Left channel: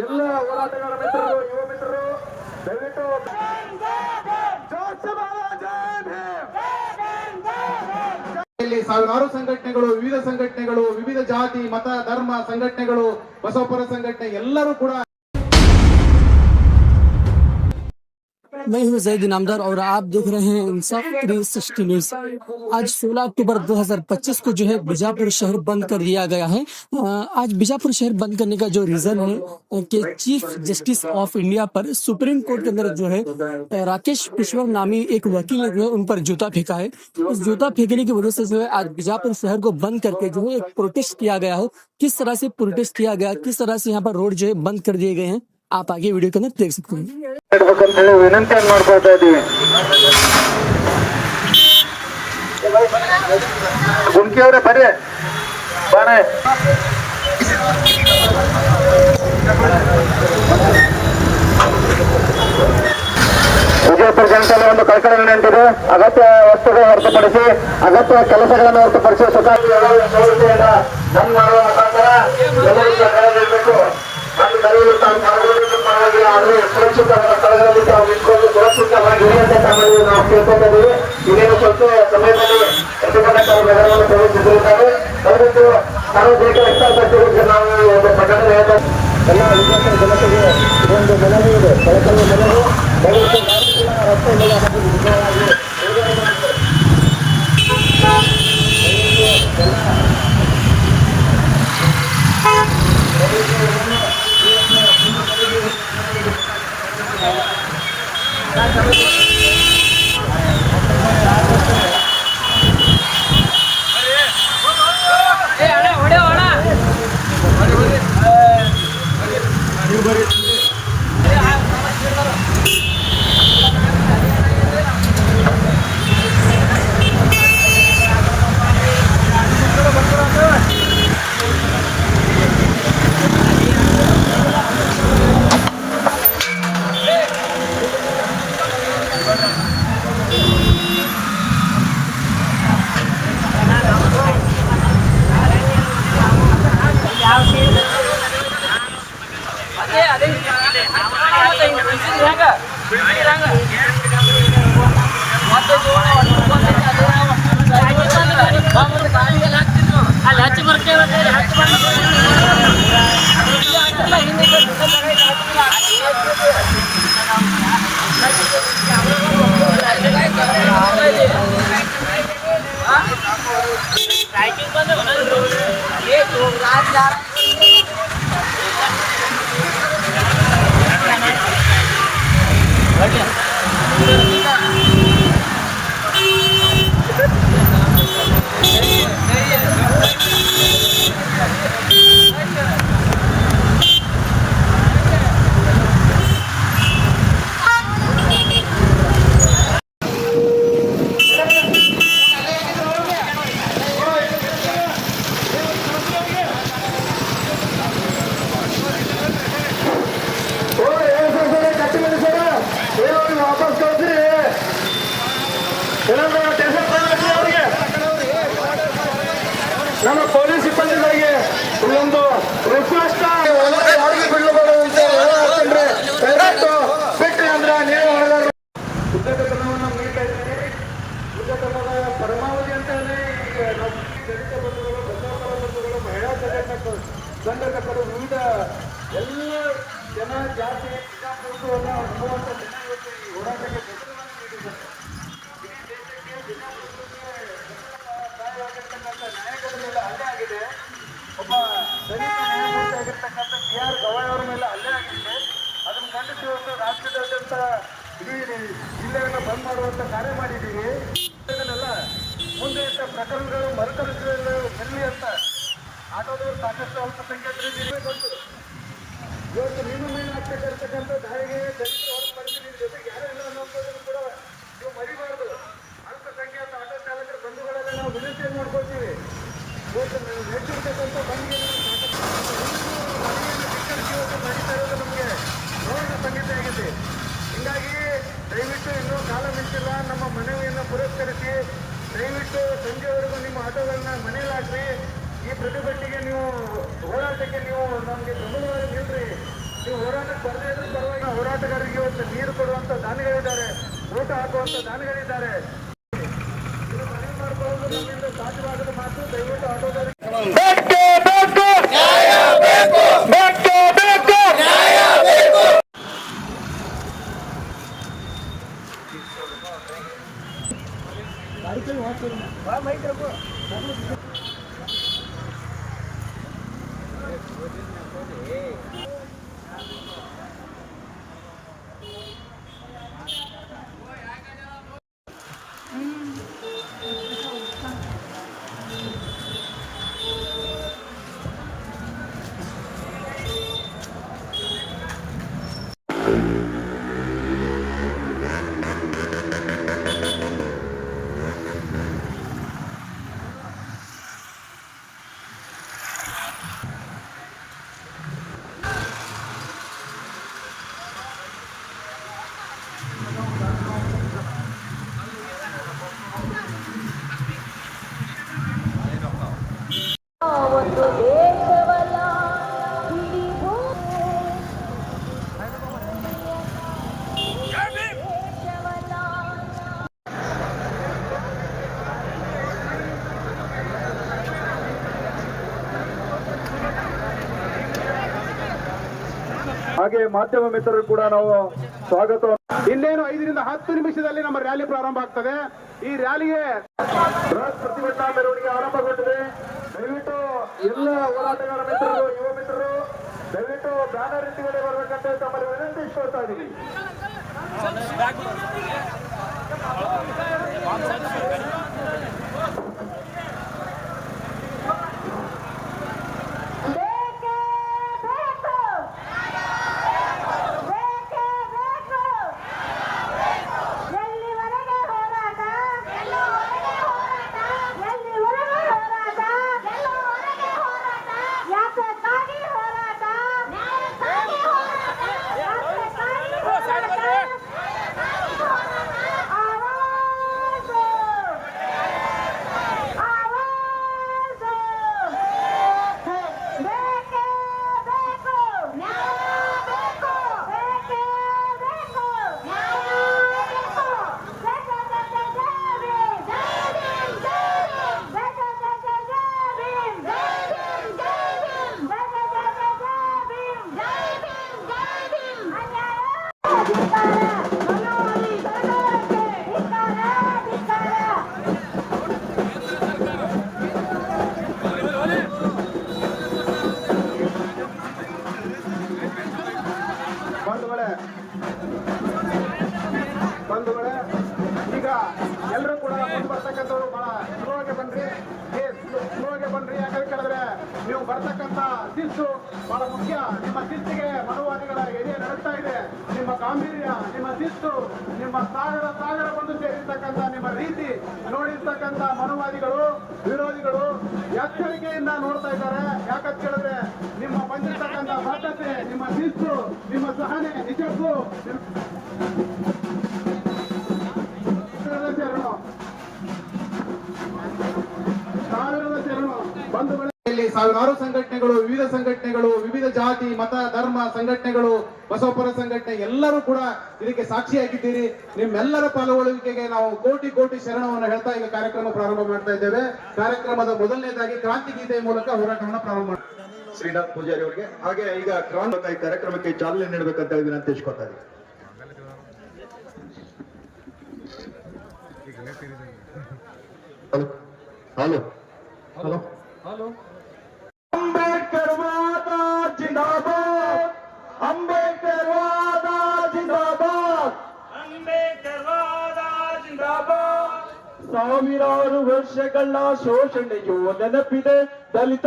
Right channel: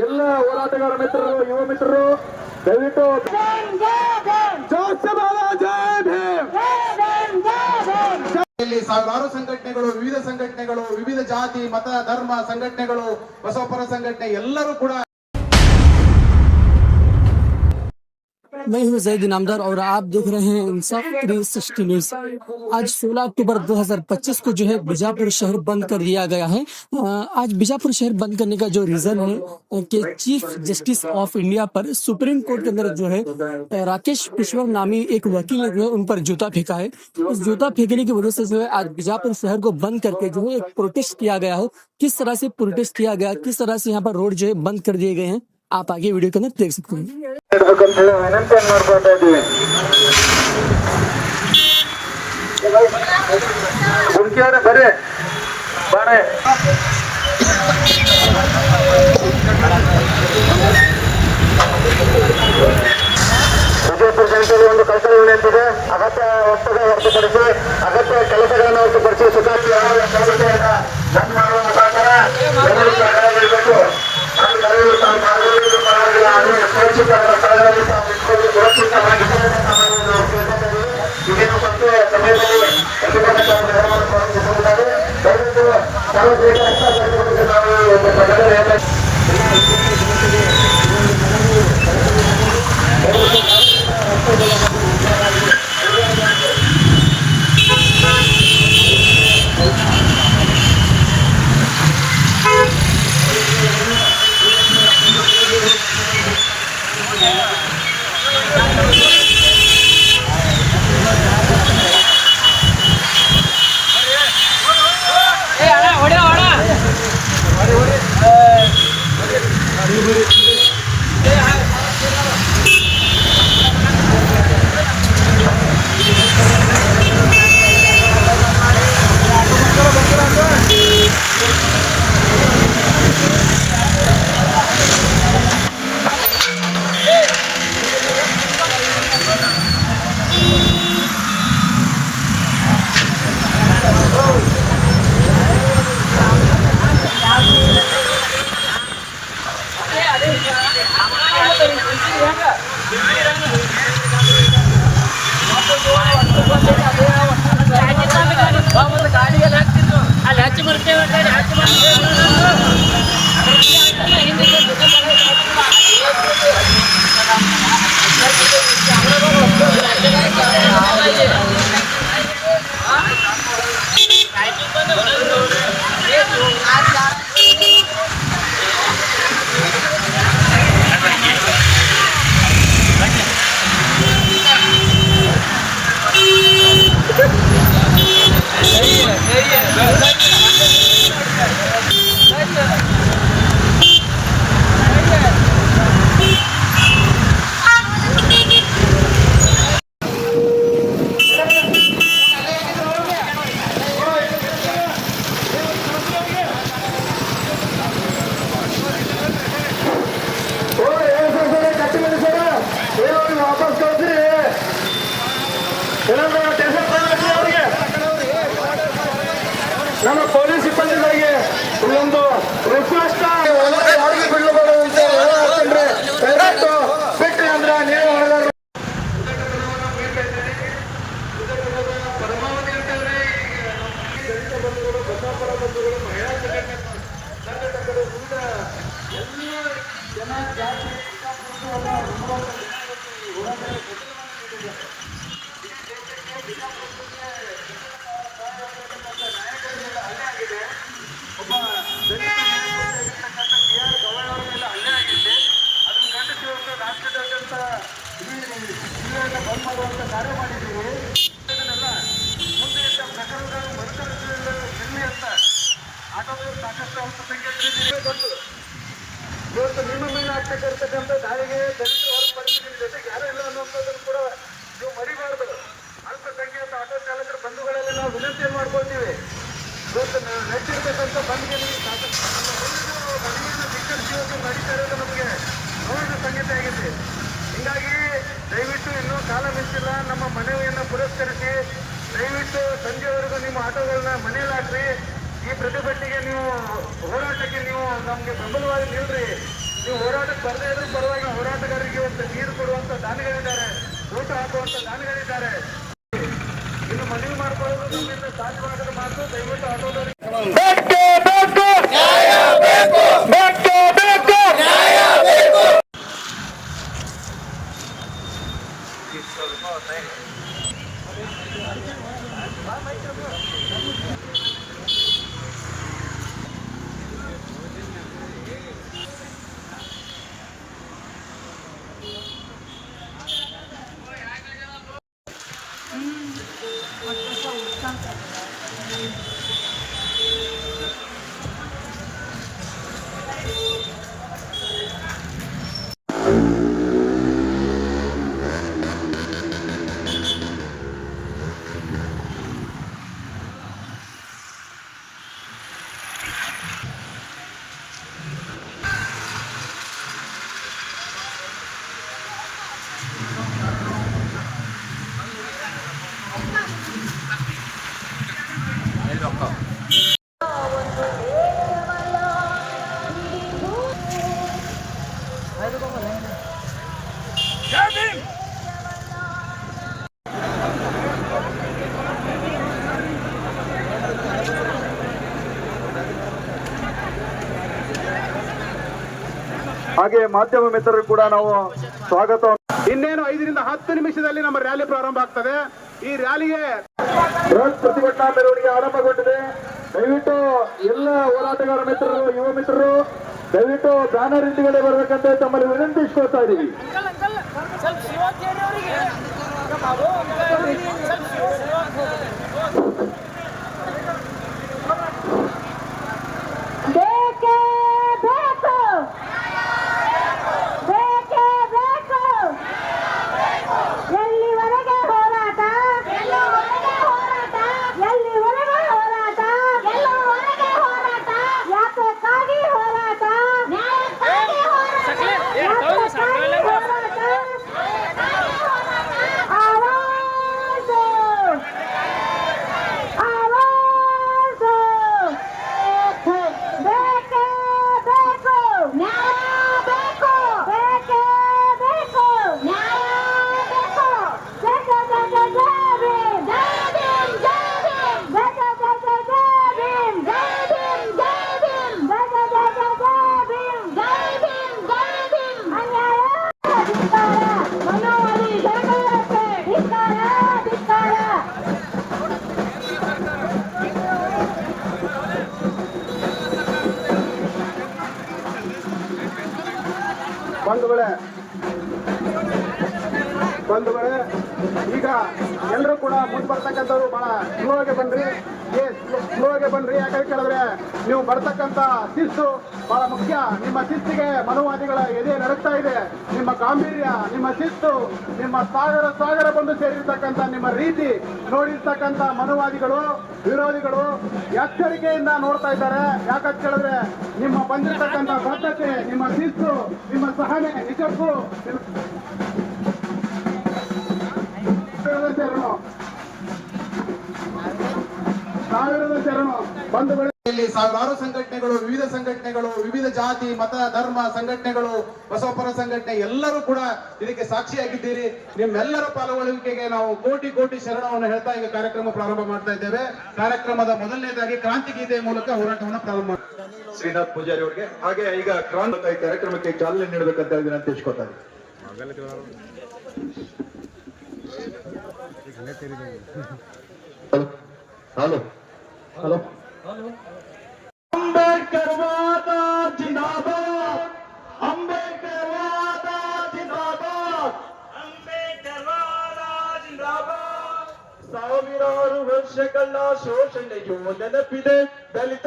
ಎಲ್ಲ ಹೋರಾಟಗಾರ ಮಿತ್ರರು, ಯುವ ಮಿತ್ರರು ದಯವಿಟ್ಟು ಸಾವಿರಾರು ಸಂಘಟನೆಗಳು, ವಿವಿಧ ಸಂಘಟನೆಗಳು, ವಿವಿಧ ಜಾತಿ ಮತ ಧರ್ಮ ಸಂಘಟನೆಗಳು, ಬಸವಪರ ಸಂಘಟನೆ ಎಲ್ಲರೂ ಕೂಡ मैं हूं जैद इनामदार और आप देख रहे हैं इंसाफ 360 न्यूज। आज 16 अक्टूबर 2025 को जो है बीजापुर शहर बंद कर दिया गया है। आज बीजापुर शहर बंद करने का जो रीजन है कि चीफ जस्टिस ऑफ इंडिया पर सुप्रीम कोर्ट के अंदर जो है राकेश कुशवाहा नामी एक वकील ने जो है उन पर जूता फेंका है। इस जूता फेंकने की वजह से जो है आज बीजापुर शहर को बंद करके जो है एक प्रोटेस्ट किया गया है। किस तरह से प्रोटेस्ट किया गया, किस तरह से यहाँ पर रोड जो है बंद कर दिए गए हैं, आप आगे वीडियो के अंदर देख सकते हैं। ವಿನಂತಿ ಮಾಡ್ಕೊಳ್ತಾ ಇದೀವಿ। ಗುಂಕಿಯವರೇ ಬರ್ರಿ ಬಾರೆ ವಿಜಯಪುರ ಜನತೆಯಲ್ಲಿ ಒಂದು ಕಳಕಳಿ ವಿನಂತಿದೆ. ಅಗತ್ಯ ವಸ್ತುಗಳು ಹೊರತುಪಡಿಸಿ ಅಗತ್ಯ ಕೆಲಸಗಳನ್ನು ಹೊರತುಪಡಿಸಿ ಸೊಸೈಟಿ ಬಂದ್ ಮಾಡುವ ಮುಖಾಂತರ ಸುರಕ್ಷಿತ ಸ್ಥಳಗಳಲ್ಲಿ ತಾವು ನಿಂತ್ಕೊಂಡು ಸುರಕ್ಷಿತವಾಗಿ ನಾವು ಕೇಳ್ತಾ ಇದ್ದೀವಿ. ಇನ್ನೇನು ಸ್ವಲ್ಪ ಸಮಯದಲ್ಲಿ ಪ್ರತಿಭಟನಾಕಾರರು ನಗರವನ್ನು ಪ್ರವೇಶಿಸಲಿದ್ದಾರೆ. ದಯವಿಟ್ಟು ಸಾರ್ವಜನಿಕ ಹಿತಾಸಕ್ತಿಗಳಿಗೆ ನಾವು ಒಂದು ಪ್ರಕಟಣೆ ಹೇಳ್ತಾ ಎಲ್ಲ ವಿಜಯಪುರ ಜನತೆಗೆ ಇದೊಂದು ಮನವಿ ಇದೆ, ಕಳಕಳಿಯ ಮನವಿ. ದಯವಿಟ್ಟು ರಸ್ತೆಗಳ ನಿಜವಾಗಿ ಅಲ್ಲಿ ಹಚ್ಚಿ ಬರ್ತೇವೆ ಹಚ್ಚಿ ನಮ್ಮ ಪೊಲೀಸ್ ಸಿಬ್ಬಂದಿಗಳಿಗೆ ಇಲ್ಲೊಂದು ರಿಕ್ವೆಸ್ಟ್ ಯಾರಿಗೆ ಬಿಡಬಹುದು ಅಂತ ಹೇಳ್ತಂದ್ರೆ ಬಿಟ್ರಿ ಅಂದ್ರೆ ನೀವು ಹೊಡೆದಾರ ಪರಮಾವಧಿ ಅಂತಾನೆ ದಲಿತ ಬಂಧುಗಳು, ಬಸವಪರ ಬಂಧುಗಳು, ಮಹಿಳಾ ಸಂಘಟಕರು ಈಗ ಎಲ್ಲ ಜನ ಜಾತಿ ವಿಚಾರವನ್ನು ನಂಬುವಂತ ಜನ ಇವತ್ತು ಈ ಹೋರಾಟಕ್ಕೆ ಬೆಂಬಲವನ್ನು ನೀಡಿದ್ದಾರೆ. ನಾಯಕರ ಮೇಲೆ ಹಲ್ಲೆ ಆಗಿದೆ. ಒಬ್ಬ ದಲಿತ ನ್ಯಾಯಮೂರ್ತಿ ಆಗಿರ್ತಕ್ಕಂಥ BR ಗವಾಯ್ ಅವರ ಮೇಲೆ ಹಲ್ಲೆ ಆಗಿದೆ. ಅದನ್ನು ಖಂಡಿಸಿ ಇವತ್ತು ರಾಜ್ಯದಾದ್ಯಂತ ಇಡೀ ಜಿಲ್ಲೆಯನ್ನು ಬಂದ್ ಮಾಡುವಂತ ಕಾರ್ಯ ಮಾಡಿದ್ದೀವಿ. ಮುಂದೆ ಇಂಥ ಪ್ರಕರಣಗಳು ಮರುಕಳಿಸಲಿ ಅಂತ ಆಟೋದವರು ಸಾಕಷ್ಟು ಅಲ್ಪಸಂಖ್ಯಾತರಿದ್ದೀರಿ. ಬಂದು ಇವತ್ತು ನಿಮ್ಮ ಮೇಲೆ ಆಗ್ತಕ್ಕಂಥ ದಾಳಿಗೆ ದಲಿತರು ಹೊರತುಪಡಿಸಿ ನಿಮ್ಮ ಜೊತೆಗೆ ಯಾರು ಇಲ್ಲ ಅನ್ನೋಂಥದ್ದನ್ನು ಕೂಡ ನೀವು ಮರಿಬಾರ್ದು. ಅಲ್ಪಸಂಖ್ಯಾತ ಆಟೋ ಚಾಲಕರ ಬಂಧುಗಳಲ್ಲಿ ನಾವು ವಿನಂತಿಯನ್ನು ಮಾಡ್ಕೊಳ್ತೀವಿ. ಇವತ್ತು ನಡೆಸಿರ್ತಕ್ಕಂಥ ಬಂದ್ಗೆ ಮನೆಯನ್ನು ಶಿಕ್ಷಣ ನಡೀತಾ ಇರೋದು ನಮಗೆ ನೋವಿನ ಸಂಗತಿ ಆಗಿದೆ. ಹೀಗಾಗಿ ದಯವಿಟ್ಟು ಇನ್ನೂ ಕಾಲ ಮಿಂಚಿಲ್ಲ. ನಮ್ಮ ಮನವಿಯನ್ನು ಪುರಸ್ಕರಿಸಿ ದಯವಿಟ್ಟು ಸಂಜೆವರೆಗೂ ನಿಮ್ಮ ಆಟೋಗಳನ್ನ ಮನೇಲಿ ಹಾಕ್ರಿ. ಈ ಪ್ರತಿಭಟನೆಗೆ ನೀವು ಹೋರಾಟಕ್ಕೆ ನೀವು ನಮಗೆ ಬೆಂಬಲವಾಗಿ ನಿಲ್ರಿ. ನೀವು ಹೋರಾಟಕ್ಕೆ ಬರದೇ ಇದ್ರೂ ಪರವಾಗಿ ಹೋರಾಟಗಾರರಿಗೆ ಇವತ್ತು ನೀರು ಕೊಡುವಂತ ದಾನಿಗಳಿದ್ದಾರೆ, ಊಟ ಹಾಕುವಂತ ದಾನಿಗಳಿದ್ದಾರೆ. ಇನ್ನು ಮನವಿ ಮಾಡ್ಕೊಳ್ಳೋದು ನಮ್ಮಿಂದ ಸಾಧ್ಯವಾಗದ ಮಾತು. ದಯವಿಟ್ಟು ಆಟೋದವರಿಗೆ ಹಾಗೆ ಮಾಧ್ಯಮ ಮಿತ್ರರು ಕೂಡ ನಾವು ಸ್ವಾಗತ. ಇನ್ನೇನು 5 ರಿಂದ 10 ನಿಮಿಷದಲ್ಲಿ ನಮ್ಮ ರ್ಯಾಲಿ ಪ್ರಾರಂಭ ಆಗ್ತದೆ. ಈ ರ್ಯಾಲಿಗೆ ಬೃಹತ್ ಪ್ರತಿಭಟನಾ ಮೆರವಣಿಗೆ ಆರಂಭಗೊಂಡಿದೆ. ದಯವಿಟ್ಟು ಎಲ್ಲ ಹೋರಾಟಗಾರ ಮಿತ್ರರು, ಯುವ ಮಿತ್ರರು ದಯವಿಟ್ಟು ಬ್ಯಾನರ್ ಹಿಂದುಗಡೆ ಬರಬೇಕಂತ ತಮ್ಮಲ್ಲಿ ವಿನಂತಿಸ್ಕೊಳ್ತಾ ಇದ್ದೀವಿ. ಬಂಧುಗಳೇ, ಈಗ ಎಲ್ಲರೂ ಕೂಡ ಮುಂದೆ ಬರ್ತಕ್ಕಂಥವ್ರು ಬಹಳ ಸ್ಲೋ ಆಗಿ ಬನ್ರಿ. ಯಾಕಂತ ಹೇಳಿದ್ರೆ ನೀವು ಬರ್ತಕ್ಕಂಥ ಶಿಸ್ತು ಬಹಳ ಮುಖ್ಯ. ನಿಮ್ಮ ಶಿಸ್ತಿಗೆ ಮನುವಾದಿಗಳ ಎದೆ ನಡುತ್ತಾ ಇದೆ. ನಿಮ್ಮ ಗಾಂಭೀರ್ಯ, ನಿಮ್ಮ ಶಿಸ್ತು, ನಿಮ್ಮ ಸಾಗರ ಬಂದು ಸೇರಿರ್ತಕ್ಕಂಥ ನಿಮ್ಮ ರೀತಿ ನೋಡಿರ್ತಕ್ಕಂಥ ಮನುವಾದಿಗಳು, ವಿರೋಧಿಗಳು ಎಚ್ಚರಿಕೆಯಿಂದ ನೋಡ್ತಾ ಇದ್ದಾರೆ. ಯಾಕಂತ ಹೇಳಿದ್ರೆ ನಿಮ್ಮ ಬಂದಿರ್ತಕ್ಕಂಥ ಬದ್ಧತೆ, ನಿಮ್ಮ ಶಿಸ್ತು, ನಿಮ್ಮ ಸಹನೆ ನಿಜಕ್ಕೂ ಬಂಧುಗಳಲ್ಲಿ ಸಾವಿರಾರು ಸಂಘಟನೆಗಳು, ವಿವಿಧ ಸಂಘಟನೆಗಳು, ವಿವಿಧ ಜಾತಿ, ಮತ, ಧರ್ಮ ಸಂಘಟನೆಗಳು, ಬಸವಪರ ಸಂಘಟನೆ ಎಲ್ಲರೂ ಕೂಡ ಇದಕ್ಕೆ ಸಾಕ್ಷಿಯಾಗಿದ್ದೀರಿ. ನಿಮ್ಮೆಲ್ಲರ ಪಾಲ್ಗೊಳ್ಳುವಿಕೆಗೆ ನಾವು ಕೋಟಿ ಕೋಟಿ ಶರಣವನ್ನು ಹೇಳ್ತಾ ಈಗ ಕಾರ್ಯಕ್ರಮ ಪ್ರಾರಂಭ ಮಾಡ್ತಾ ಇದ್ದೇವೆ. ಕಾರ್ಯಕ್ರಮದ ಮೊದಲನೇದಾಗಿ ಕ್ರಾಂತಿ ಗೀತೆ ಮೂಲಕ ಹೋರಾಟವನ್ನು ಪ್ರಾರಂಭ ಮಾಡ್ತಾರೆ ಶ್ರೀನಾಥ್ ಪೂಜಾರಿ ಅವರಿಗೆ. ಹಾಗೆ ಈಗ ಕ್ರಾಂತಿ ಕಾರ್ಯಕ್ರಮಕ್ಕೆ ಚಾಲನೆ ನೀಡಬೇಕಂತ ಹೇಳಿ ವಿನಂತಿಸ್ಕೊತಾರೆ. Hello hello hello. ಅಂಬೇಡ್ಕರ್ ವಾದ ಜಿಂದಾಬಾದ್, ಅಂಬೇಡ್ಕರ್ ವಾದ ಜಿಂದಾಬಾದ್, ಅಂಬೇಡ್ಕರ್ ವಾದ ಜಿಂದಾಬಾದ್. ಸಾವಿರಾರು ವರ್ಷಗಳ ಶೋಷಣೆಯು ನೆನಪಿದೆ ದಲಿತ